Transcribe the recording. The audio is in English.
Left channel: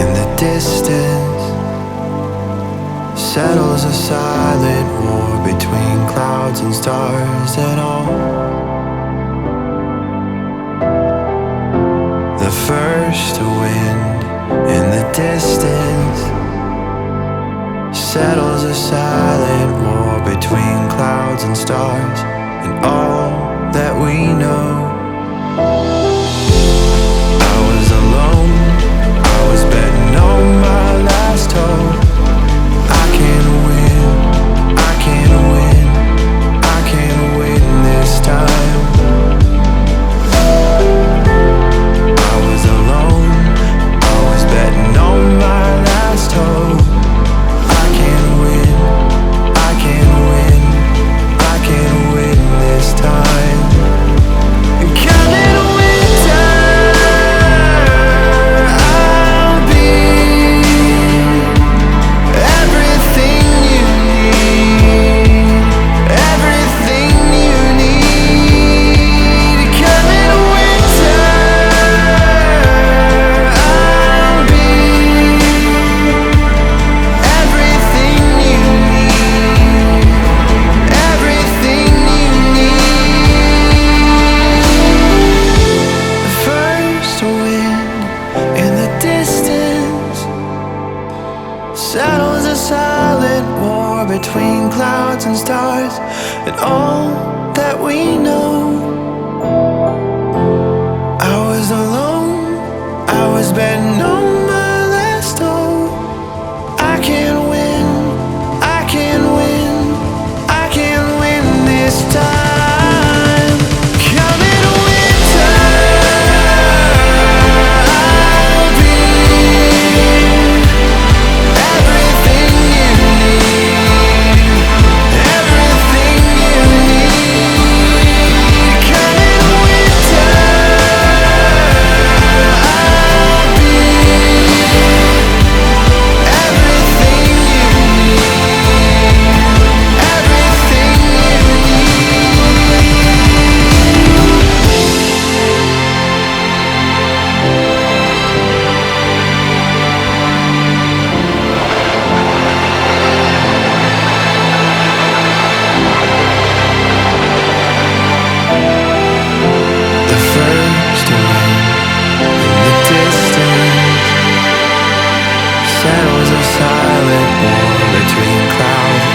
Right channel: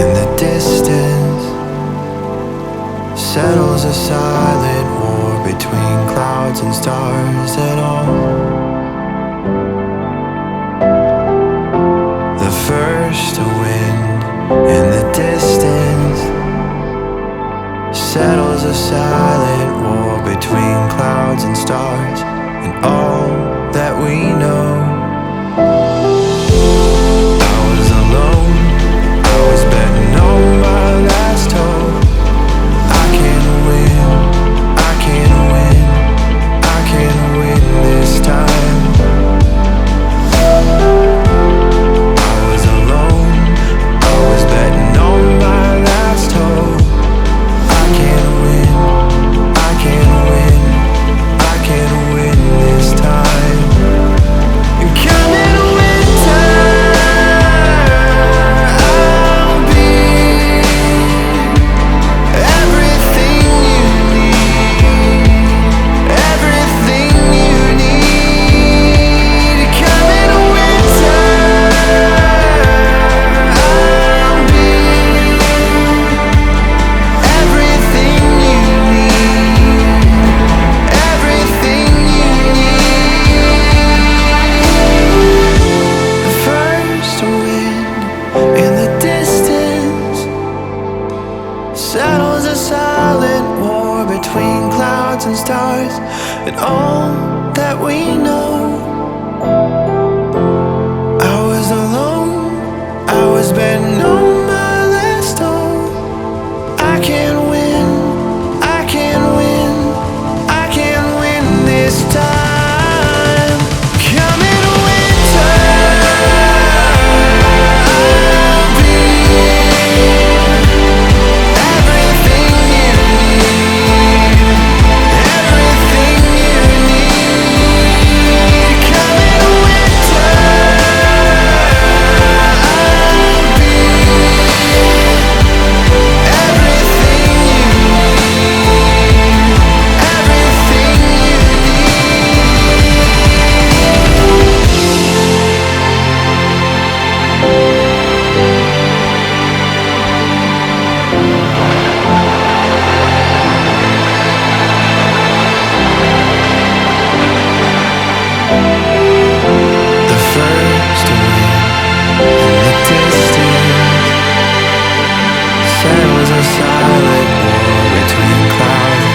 In the distance settles a silent war between clouds and stars, and all the first wind in the distance settles a silent war between clouds and stars, and all that we know. I was alone, I was betting on my last hope. I can win, I can win, I can win this time. I was alone, I was betting on my last hope. I can win, I can win, I can win this time. And coming winter, I'll be everything you need, everything you need. Coming winter, I'll be everything you need, everything you need. The first wind in the distance settles a silent war between clouds and stars, and all that we know. I was alone, I was betting on my last hope. I can win, I can win, I can win this time. Coming winter, I'll be everything you need, everything you need. Coming winter, I'll be everything you need, everything you The first wind in the distance settles a silent war between clouds